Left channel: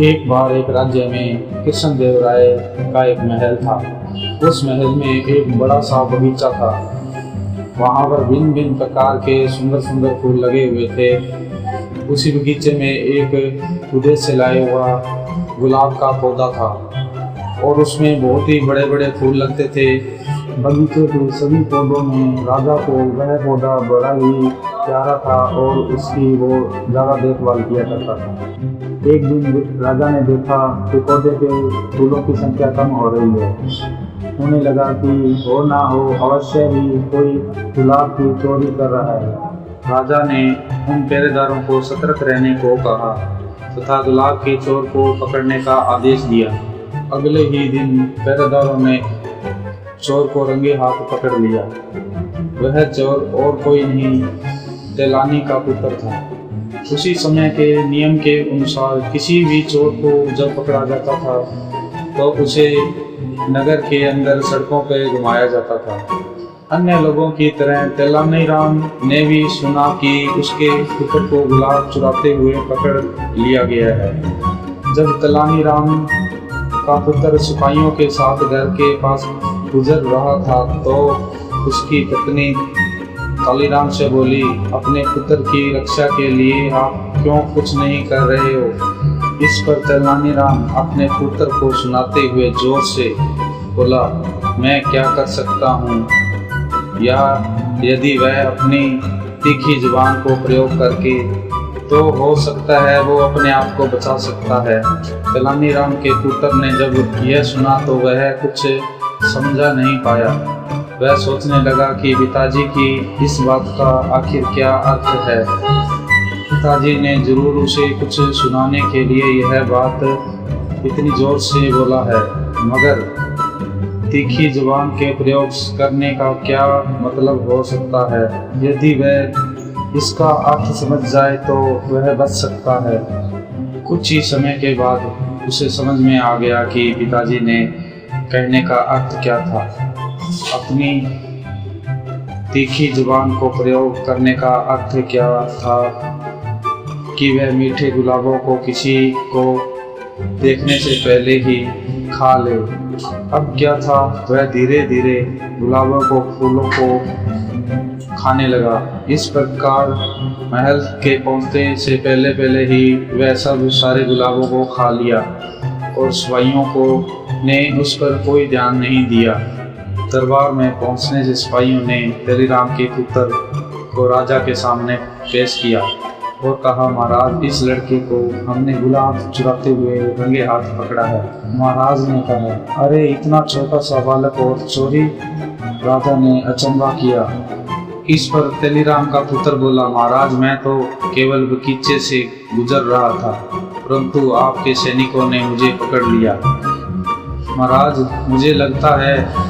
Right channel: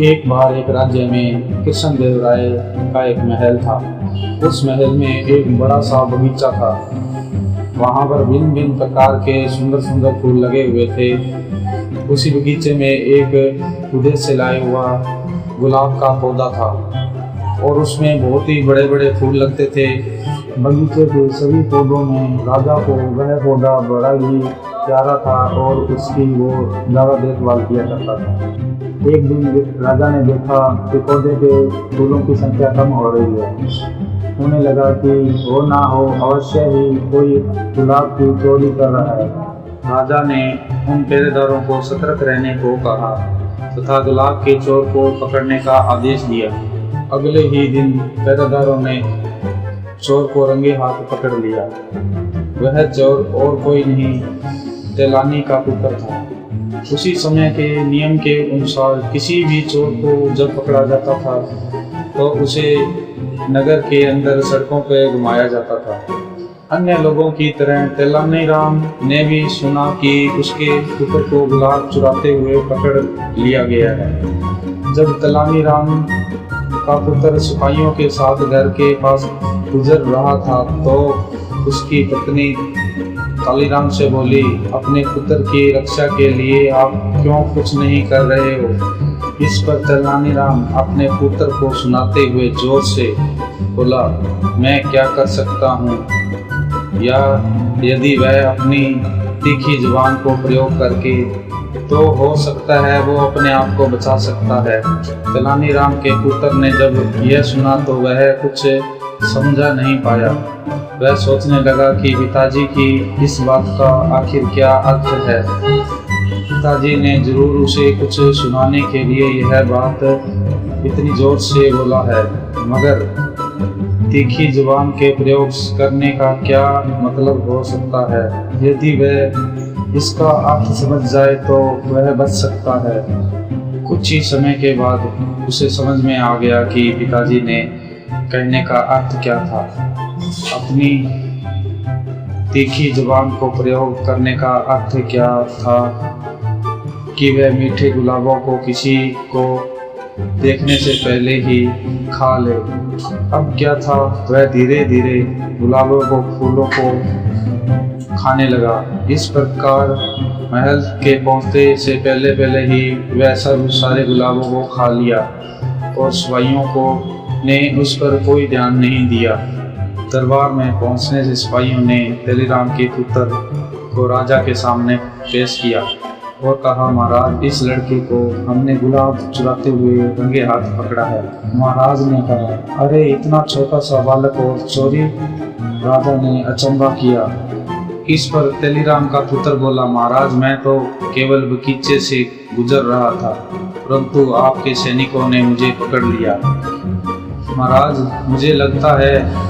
एक बार एक राज्य में कृष्णदेवराय का एक महल था। उस महल में एक बड़ा सा बगीचा था। वहाँ पर भिन्न भिन्न प्रकार के सुंदर सुंदर फूल लगे हुए थे। उसी बगीचे में एक विदेश से लाया हुआ गुलाब का पौधा था और उसमें बहुत ही बड़े बड़े फूल लगते थे। बगीचे के सभी पौधों में राजा को वह पौधा बड़ा ही प्यारा था और उसकी वो ज़्यादा देखभाल किया करता था। एक दिन राजा ने देखा कि पौधे के फूलों की संख्या कम हो रही है। उन्हें लगा कि हो ना हो अवश्य ही कोई गुलाब की चोरी कर रहा है। राजा ने उन पहरेदारों को सतर्क रहने को कहा तथा गुलाब के चोर को पकड़ने का आदेश दिया। अगले ही दिन पहरेदारों ने चोर को रंगे हाथ पकड़ लिया। वह चोर और कोई नहीं, तेलानी का पुत्र था। उसी समय के नियम के अनुसार किसी भी चोर को जब पकड़ा जाता था तो उसे नगर के अंदर सड़कों पर घुमाया जाता था। अन्य लोगों की तरह तेलानीराम ने भी सुना कि उसके पुत्र को गुलाब चुराते हुए पकड़ लिया गया है। जब तेलानीराम का पुत्र सिपाहियों के साथ घर के पास गुजर रहा था तो उसकी पत्नी तेलानीराम से बोली, अपने पुत्र की रक्षा के लिए आप क्यों कुछ नहीं कर रहे हो? इस पर तेलानीराम अपने पुत्र को सुनाते हुए जोर से बोला, मैं क्या कर सकता हूँ, या यदि वह अपनी तीखी जुबान को प्रयोग करके तो हो सकता है वो अपने आप को बचा सकता है। तेलानीराम के पुत्र ने जब यह सुना तो वह कुछ समझा नहीं पाया। वह सोचने लगा कि पिताजी की इस बात का आखिर क्या अर्थ है। पिताजी ने जरूर उसे कुछ सुनाने के लिए यह बात इतनी जोर से बोला है, मगर तीखी जुबान के प्रयोग करने का क्या मतलब हो सकता है? यदि वह इसका अर्थ समझ जाए तो वह बच सकता है। कुछ ही समय के बाद उसे समझ में आ गया कि पिताजी ने कहने का अर्थ क्या था। अपनी तीखी जुबान को प्रयोग करने का अर्थ क्या था कि वह मीठे गुलाबों को किसी को देखने से पहले ही खा ले। अब क्या था, वह धीरे धीरे गुलाबों को फूलों को खाने लगा। इस प्रकार महल के पहुंचने से पहले पहले ही वह सब सारे गुलाबों को खा लिया और सिपाहियों को ने उस पर कोई ध्यान नहीं दिया। दरबार में पहुंचने से सिपाहियों ने तेलानीराम के पुत्र को राजा के सामने पेश किया और कहा, महाराज, इस लड़के को हमने गुलाब चुराते हुए रंगे हाथ पकड़ा है। महाराज ने कहा, अरे इतना छोटा सा बालक और चोरी? राजा ने अचंभा किया। इस पर तेलानीराम का पुत्र बोला, महाराज, मैं तो केवल बगीचे से गुजर रहा था, परंतु आपके सैनिकों ने मुझे पकड़ लिया। महाराज, मुझे लगता है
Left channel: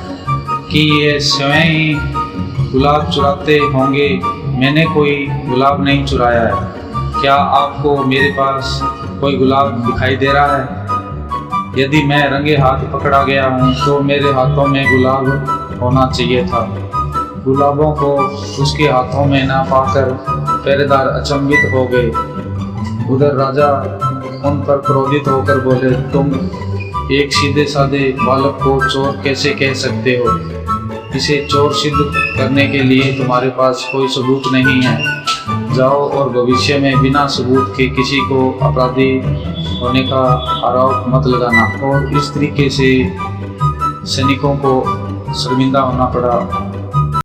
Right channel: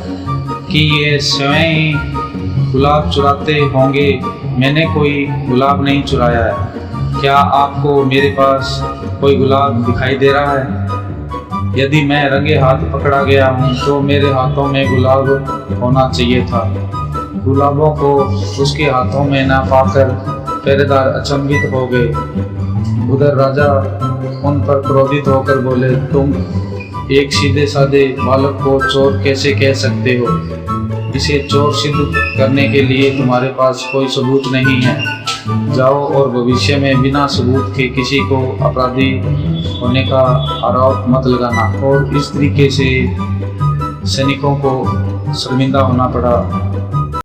कि ये स्वयं ही गुलाब चुराते होंगे। मैंने कोई गुलाब नहीं चुराया है। क्या आपको मेरे पास कोई गुलाब दिखाई दे रहा है? यदि मैं रंगे हाथ पकड़ा गया हूँ तो मेरे हाथों में गुलाब होना चाहिए था। गुलाबों को उसके हाथों में न पाकर पहरेदार अचंभित हो गए। उधर राजा उन पर क्रोधित होकर बोले, तुम एक सीधे साधे बालक को चोर कैसे कह सकते हो? इसे चोर सिद्ध करने के लिए तुम्हारे पास कोई सबूत नहीं है। जाओ और भविष्य में बिना सबूत के किसी को अपराधी होने का आरोप मत लगाना। और इस तरीके से सैनिकों को शर्मिंदा होना पड़ा।